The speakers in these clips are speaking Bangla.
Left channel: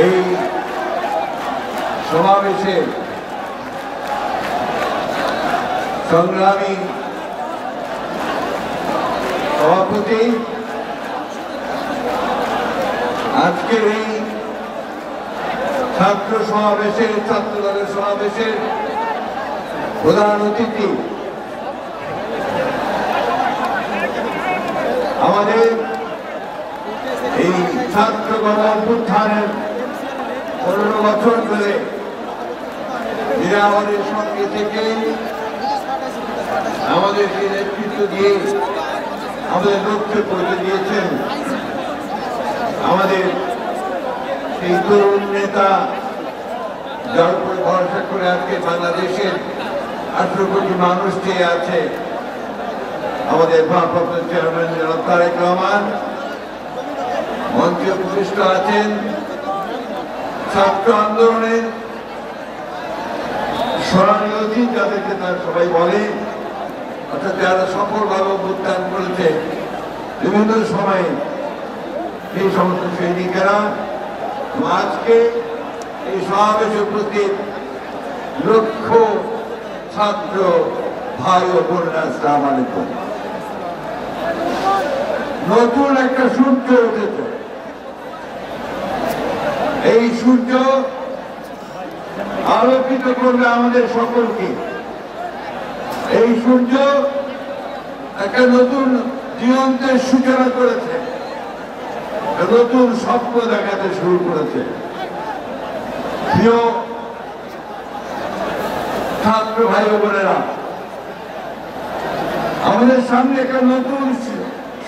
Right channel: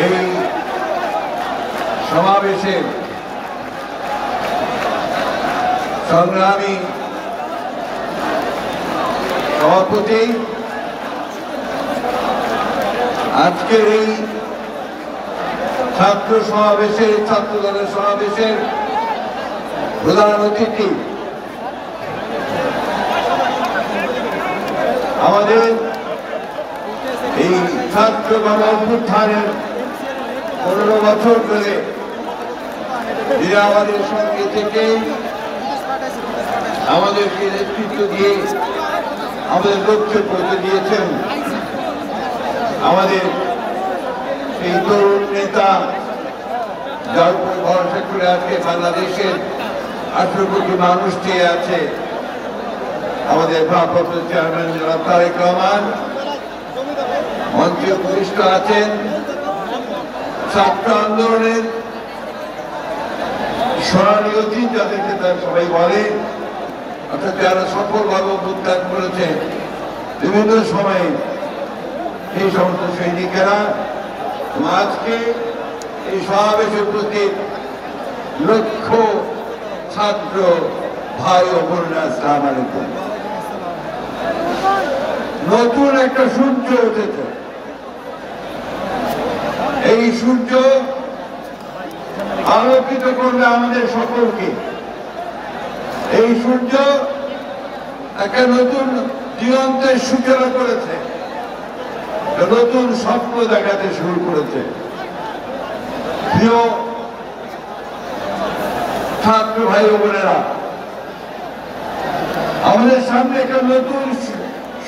এই সমাবেশের সংগ্রামী সভাপতি, আজকের এই ছাত্র সমাবেশের ছাত্র দলের সমাবেশের প্রধান অতিথি, আমাদের এই ছাত্র গণ অভ্যুত্থানের 15 বছর ধরে যিনি আমাদের সঙ্গে থেকে আমাদেরকে নেতৃত্ব দিয়ে আমাদের লক্ষ্যে পৌঁছে দিয়েছেন, আমাদের এই তরুণ নেতা, যার উপর ভরসা করে আজকে বাংলাদেশের 18 কোটি মানুষ চেয়ে আছে, আমাদের ভারপ্রাপ্ত চেয়ারম্যান জনাব তারেক রহমান, মঞ্চে উপবিষ্ট আছেন ছাত্র আন্দোলনের সোনালী অতীত, যাদেরকে তার সবাই বলে, অর্থাৎ যারা সফলভাবে অভ্যুত্থান করেছে বিভিন্ন সময়ে, এই সমস্ত সৈনিকেরা। আজকে এই সমাবেশে উপস্থিত লক্ষ ছাত্র ভাই ও বোনেরা, আসসালামু আলাইকুম। নতুন একটা সূর্য উঠেছে, এই সূর্য আলোকিত করবে আমাদের সকলকে। এই সূর্য একটা নতুন দিগন্তের সূচনা করেছে, নতুন স্বপ্ন দেখাতে শুরু করেছে। প্রিয় ছাত্র ভাই বোনেরা, আমাদের সামনে একটা নতুন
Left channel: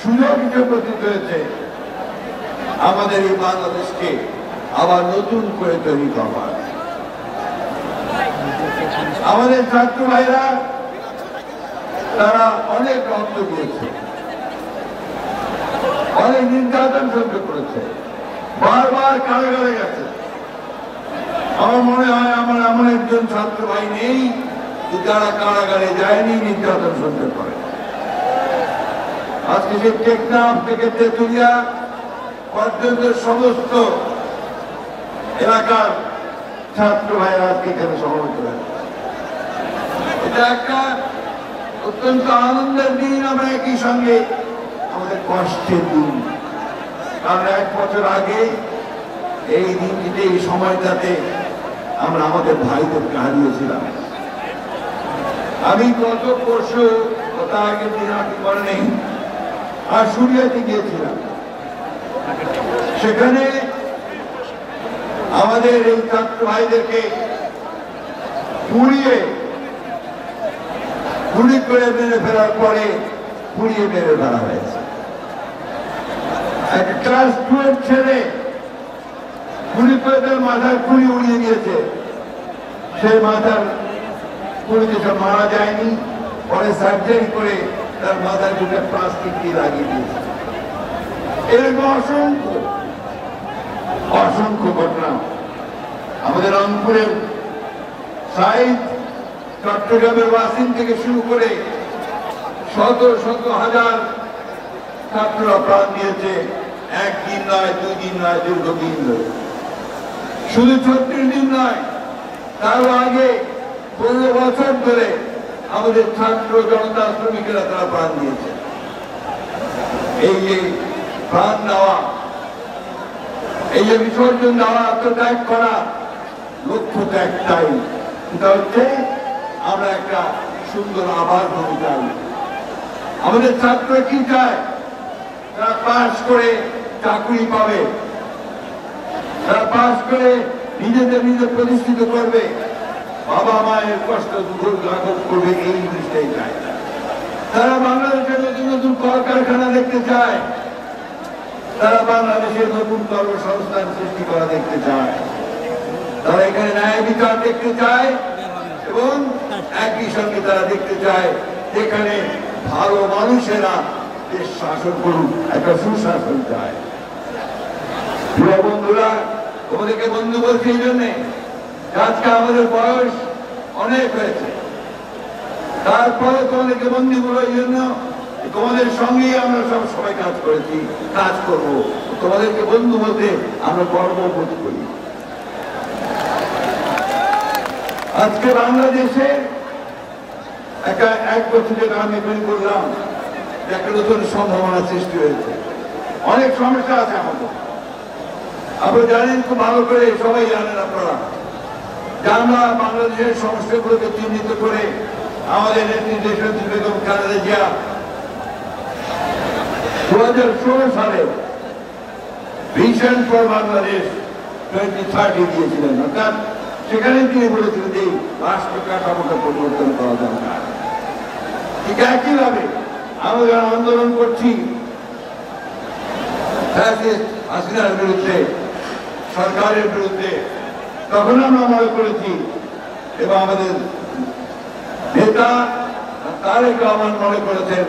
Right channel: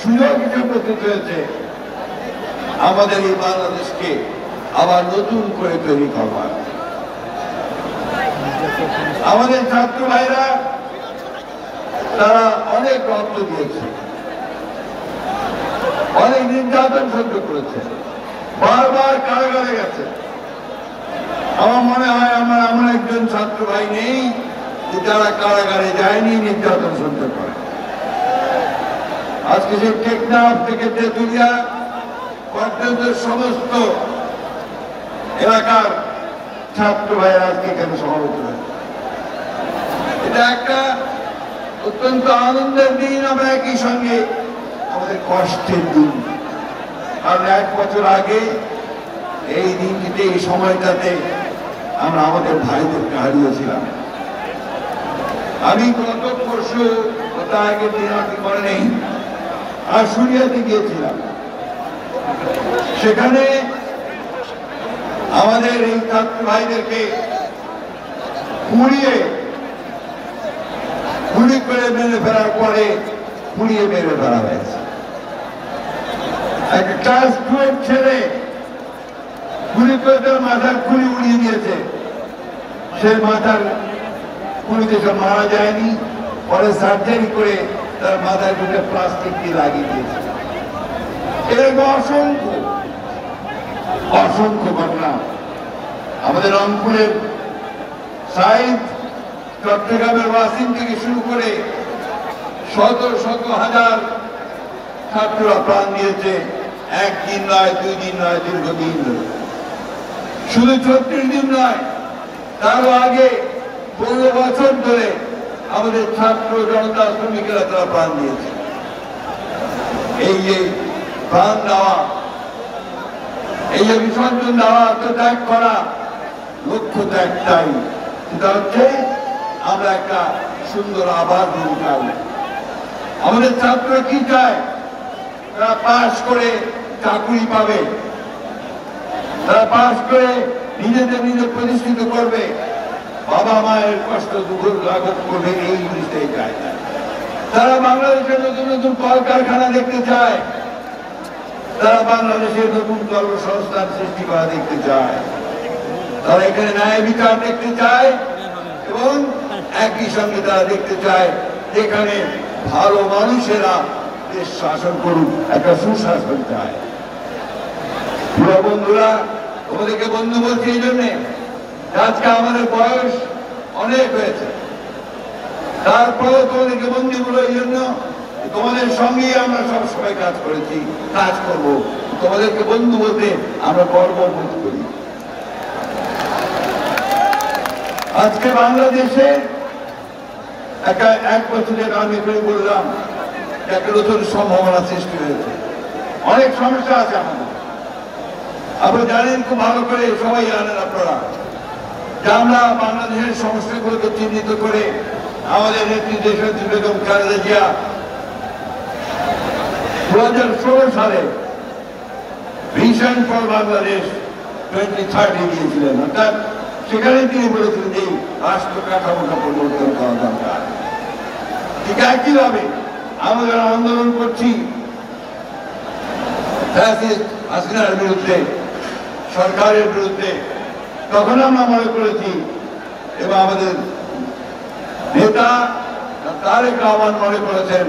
সুযোগ হিসেবে উপস্থিত হয়েছে, আমাদের এই বাংলাদেশকে আবার নতুন করে তৈরি করবার। আমাদের ছাত্র ভাইরা তারা অনেক রক্ত দিয়েছে, অনেক নির্যাতন সহ্য করেছে, বারবার কারাগারে গেছে। আমার মনে হয় আমার এমন একজন ছাত্র ভাই নেই যারা কারাগারে যায়নি, নির্যাতন সহ্য করে। আজকে যে টেকনাফ থেকে তেঁতুলিয়া পর্যন্ত সমস্ত এলাকার ছাত্র ভাইয়েরা আজকে এখানে সমবেত হয়েছে। এটা একটা অত্যন্ত আনন্দের দিন, আমরা একই সঙ্গে আমাদের কষ্টের দিন। কারণ 1 বছর আগে এই দিনটিতে, এই সময়টাতে আমরা আমাদের ভাইদেরকে হারিয়েছিলাম। আমি গত পরশু, তার আগের দিন আপনি মনে নেই, আশুলিয়াতে গিয়েছিলাম। সেখানে আমাদের এই ছাত্র ভাইদেরকে গুলি করে মেরে ফেলার পরে পুড়িয়ে মেরে ফেলা হয়েছে। একটা ক্লাস 12 ছেলে গুলি করে তার মাথার খুলি উড়িয়ে দিয়েছে। সে মাথার খুলিতে সব মারা যায়নি, পরে সার্জারি করে তার মাথায় 2টা প্লাস্টিক দিয়ে লাগিয়ে দিয়েছে। এরকম অসংখ্য ঘটনা আমাদের রংপুরের সাইদ, চট্টগ্রামের ওয়াসিম থেকে শুরু করে শত শত হাজার ছাত্ররা প্রাণ দিয়েছে, 1 দিন নয়, 2 দিন নয়, দীর্ঘদিন ধরে। শুধু 36 দিন নয়, তারও আগে 15 বছর ধরে আমাদের ছাত্র জনতা শ্রমিকেরা তারা প্রাণ দিয়েছে। এই যে প্রাণ দেওয়া, এই যে বিসর্জন দেওয়া, আত্মত্যাগ করা, লক্ষ্য তো একটাই, সেটা হচ্ছে আমরা একটা সুন্দর আবাস হতে চাই। আমাদের ছাত্ররা কি চায়? তারা পাশ করে চাকরি পাবে, তারা পাশ করে নিজেদের প্রতিষ্ঠিত করবে, বাবা মায়ের কষ্ট দুঃখ লাঘব করবে, এই জিনিসটাই চায়। তারা বাংলাদেশের নতুন নতুন কলকারখানা দেখতে চায়, তারা বাংলাদেশের নতুন কর্মসংস্থান সৃষ্টি করা দেখতে চায়, তারা এখানে ন্যায় বিচার দেখতে চায়, এবং একই সঙ্গে তারা দেখতে চায় যেখানে ভালো মানুষেরা দেশ শাসন করুক, একটা সুশাসন চায়। প্রিয় বন্ধুরা, তোমাদেরকে বন্ধু বলছি এই জন্যে, আজকে আমাদের বয়স অনেক হয়েছে, তারপরে তোমাদেরকে বন্ধু বলো এই জন্য তোমাদের সঙ্গেই আমরা সব সবাই কাজ করেছি, কাজ করব। তোমাদেরকে বন্ধু বলতে আমরা গর্ববোধ করি। আজকে বাংলাদেশে এক বছরের আমি বললাম একটা নতুন সম্ভাবনা সৃষ্টি হয়েছে। অনেক সমস্যা আছে আমাদের, আপনারা জানেন খুব ভালো করে, সবাই জানেন আপনারা, যে আমরা বাংলাদেশের সমস্যাগুলোকে চিহ্নিত করে আমাদের নেত্রী দেশনেত্রী বেগম খালেদা জিয়া 2016 সালে ভিশন ফর বাংলাদেশ 2030 দিয়েছিলেন। অর্থাৎ সেখানে তিনি বলেছিলেন যে রাষ্ট্র কাঠামোটা পরিবর্তন করা দরকার। ঠিক একইভাবে আমরা যারা আন্দোলন করছি হাসিনার বিরুদ্ধে, সরকারের বিরুদ্ধে, তখন আমরা মনে করেছি এবং আমাদের নেতা তারেক রহমান মনে করেছেন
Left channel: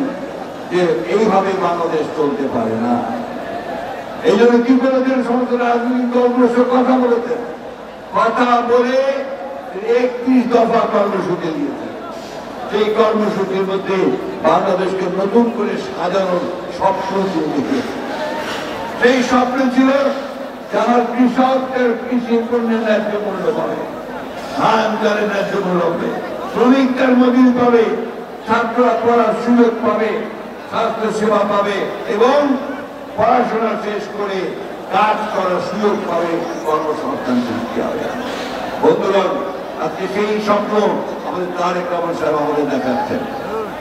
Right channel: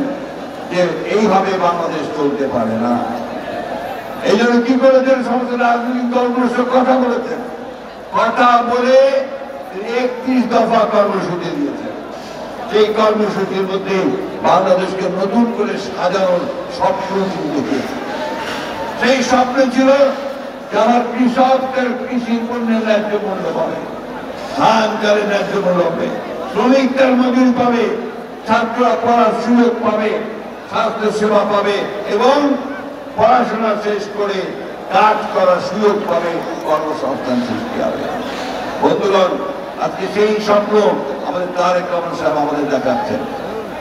যে এইভাবে বাংলাদেশ চলতে পারে না। এই জন্য কি করেছেন, সমস্ত রাজনৈতিক দলগুলোর সাথে কথা বলেছেন, কথা বলে 31 দফা কর্মসূচি দিয়েছেন। সেই কর্মসূচির মধ্যে বাংলাদেশকে নতুন করে সাজানোর স্বপ্ন দেখিয়েছে। সেই স্বপ্ন ছিল যে আমার কৃষকদের কৃষি পণ্যের ন্যায্য মূল্য পাবে, ধান চালের ন্যায্য মূল্য পাবে, শ্রমিক তার মজুরি পাবে, ছাত্ররা পড়ার সুযোগ পাবে, স্বাস্থ্য সেবা পাবে এবং পড়াশোনা শেষ করে কাজ করার সুযোগ পাবে, কর্মসংস্থান সৃষ্টি হবে। বন্ধুগণ, আজকে সেই স্বপ্ন আমাদের তারেক রহমান সাহেব আমাদের দেখাচ্ছেন।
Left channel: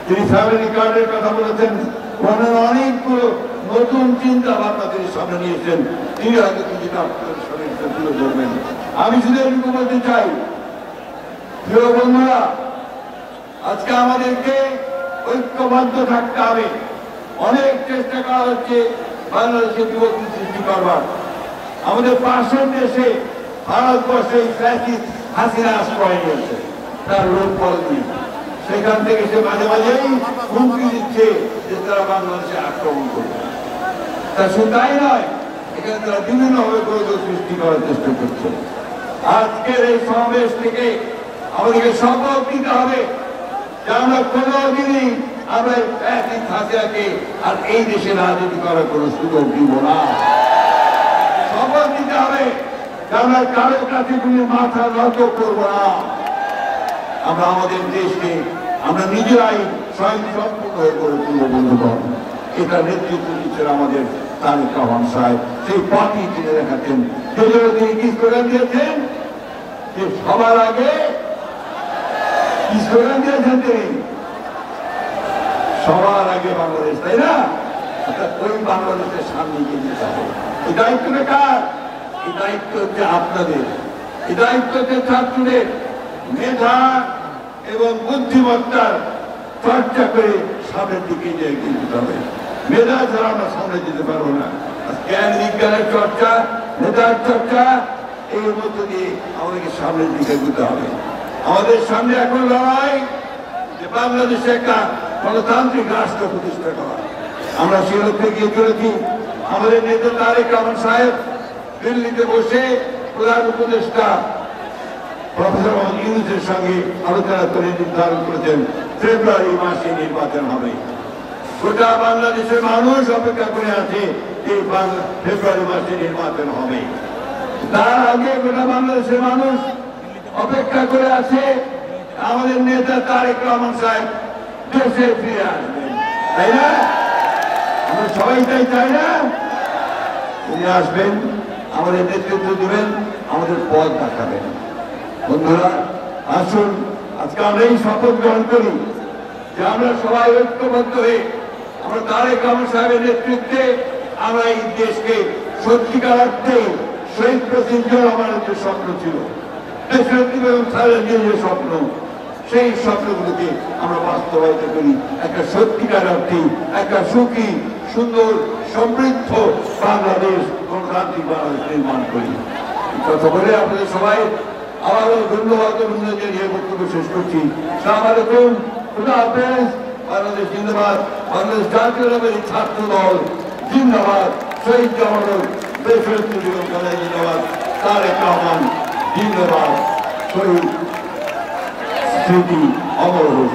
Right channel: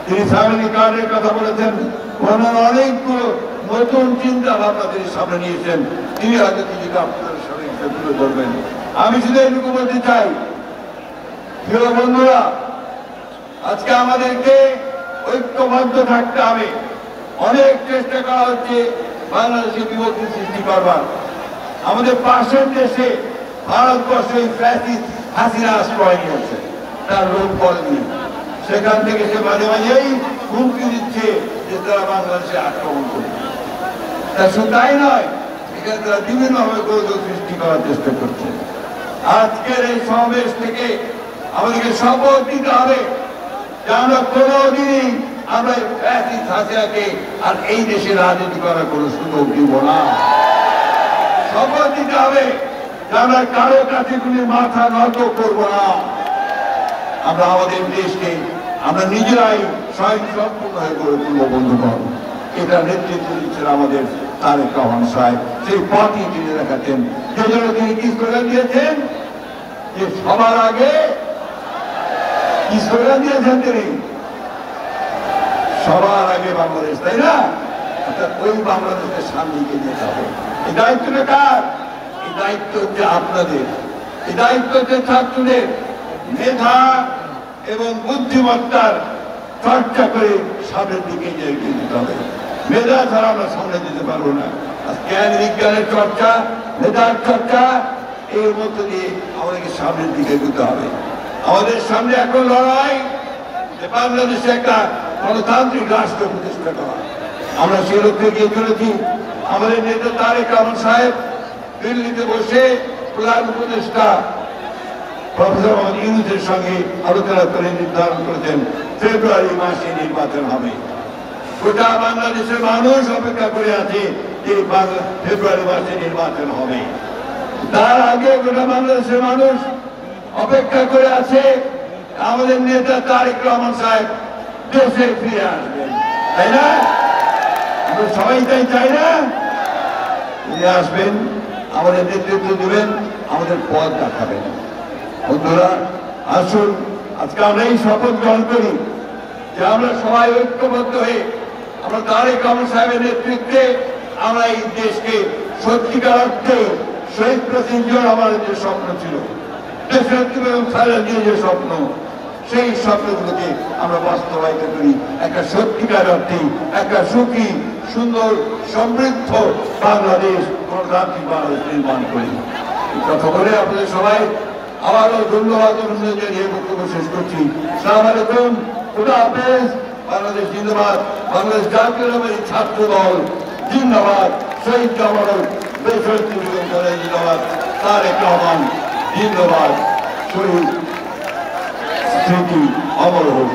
তিনি ফ্যামিলি কার্ডের কথা বলেছেন, অনেকগুলো নতুন চিন্তা ভাবনা তিনি সামনে নিয়েছেন। তিনি হয়তো কিছুটা আপনার সামনে তুলে ধরবেন। আমি শুধু এটুকু বলতে চাই, প্রিয় বন্ধুরা, আজকে আমাদেরকে ঐক্যবদ্ধ থাকতে হবে। অনেক চেষ্টা করা হচ্ছে বাংলাদেশে বিভক্তি সৃষ্টি করবার। আমাদের পাশের দেশে ভারতবর্ষে ফ্যাসিস্ট হাসিনা আশ্রয় নিয়েছে তার লোকবল নিয়ে। সেখান থেকে সে মাঝে মাঝেই হুমকি দিচ্ছে যে তারা বাংলাদেশে আক্রমণ করবে। তা শুধু তাই নয়, এখানে তারা বিভিন্নভাবে গোলযোগ সৃষ্টি করার চেষ্টা করছে। আজকের এই সমাবেশ থেকে আমাদেরকে শপথ নিতে হবে যে আমরা কোনোদিনই আমরা ফ্যাসিস্ট হাসিনাকে আর এই দেশে রাজনীতি করার কোনো সুযোগ দিব না। শপথ নিতে হবে যে আমরা কারো কাছে কোনো মাথা নত করব না। আমরা আমাদের দেশকে আমরা নিজেরাই স্বয়ংসম্পূর্ণ হয়ে গড়ে তুলব। বন্ধুগণ, এটা নেতৃত্ব দিচ্ছেন আমাদের তারেক রহমান সাহেব। সেই পথই তিনি দেখাতেন, যে জন্য তিনি কি স্লোগান দিয়েছেন, যে সবার আগে কি স্লোগান দিয়েছেন তিনি, সবার আগে বাংলাদেশ, তাই না? অর্থাৎ ওই বাংলাদেশের সামনে এগিয়ে যেতে হবে। এই দায়িত্বটা কার? এই দায়িত্ব হচ্ছে আপনাদের, এই দায়িত্ব হচ্ছে ছাত্রদের। মেধা এবং বুদ্ধিমত্তার চর্চা করে সামনের দিকে এগিয়ে যেতে হবে। মেধা ছাড়া আমরা সামনে যেতে পারবো না। জ্ঞান বিজ্ঞানের চর্চা, মেধার চর্চা, এর মধ্য দিয়ে আমাদেরকে সামনের দিকে এগোতে হবে। আমাদের সামনে এখন লড়াই যে বাংলাদেশে একটা গণতান্ত্রিক রাষ্ট্র প্রতিষ্ঠা করা। আমরা সে লক্ষ্যে গিয়ে চলেছি। আমাদের নেতা তারেক রহমান সাহেব দিল্লিতে বসে প্রধান উপদেষ্টা প্রফেসর মোহাম্মদ ইউনূসের সঙ্গে আলোচনা করে নির্ধারণ করেছেন ফেব্রুয়ারি মাসে নির্বাচন হবে। গোটা বাংলাদেশের মানুষ অপেক্ষা করে আছে যে ফেব্রুয়ারি মাসে নির্বাচন হবে। তার আগে গোটা বাংলাদেশের মানুষ অপেক্ষা করে আছে আমাদের নেতা তারেক রহমান সাহেব দেশে ফিরে আসবেন, তাই না? আমরা সবাই তাই চাই না? ফিরে আসবেন, আমাদের নেতৃত্ব দিবেন, আমাদের পথ দেখাবেন। বন্ধুরা, আসুন আজকে আমরা এই শপথ গ্রহণ করি যে আমরা সবাই ঐক্যবদ্ধ হয়ে আমরা তারেক রহমান সাহেবের নেতৃত্বে আমরা এই দেশকে সত্যিকার অর্থে শহীদ প্রেসিডেন্ট জিয়াউর রহমানের যে স্বপ্ন ছিল, দেশের খালেদা জিয়ার যে স্বপ্ন, সেই স্বপ্নগুলোকে আমরা বাস্তবায়িত করি। একটা সত্যিকার অর্থে একটা সুখী, সুন্দর, সমৃদ্ধ বাংলাদেশ, গণতান্ত্রিক বাংলাদেশ নির্মাণ করি। কথা বলে আপনাদের সবাই আবারও ধন্যবাদ জানিয়ে বক্তব্য শেষ করছি। আসসালামু আলাইকুম, খুদা হাফেজ। বাংলাদেশ জিন্দাবাদ, বাংলাদেশ জাতীয়তাবাদী ছাত্র দল জিন্দাবাদ, শহীদ জামাল দেশের জিন্দাবাদ, তারেক রহমান জিন্দাবাদ, শহীদ স্মৃতি অমর হোক।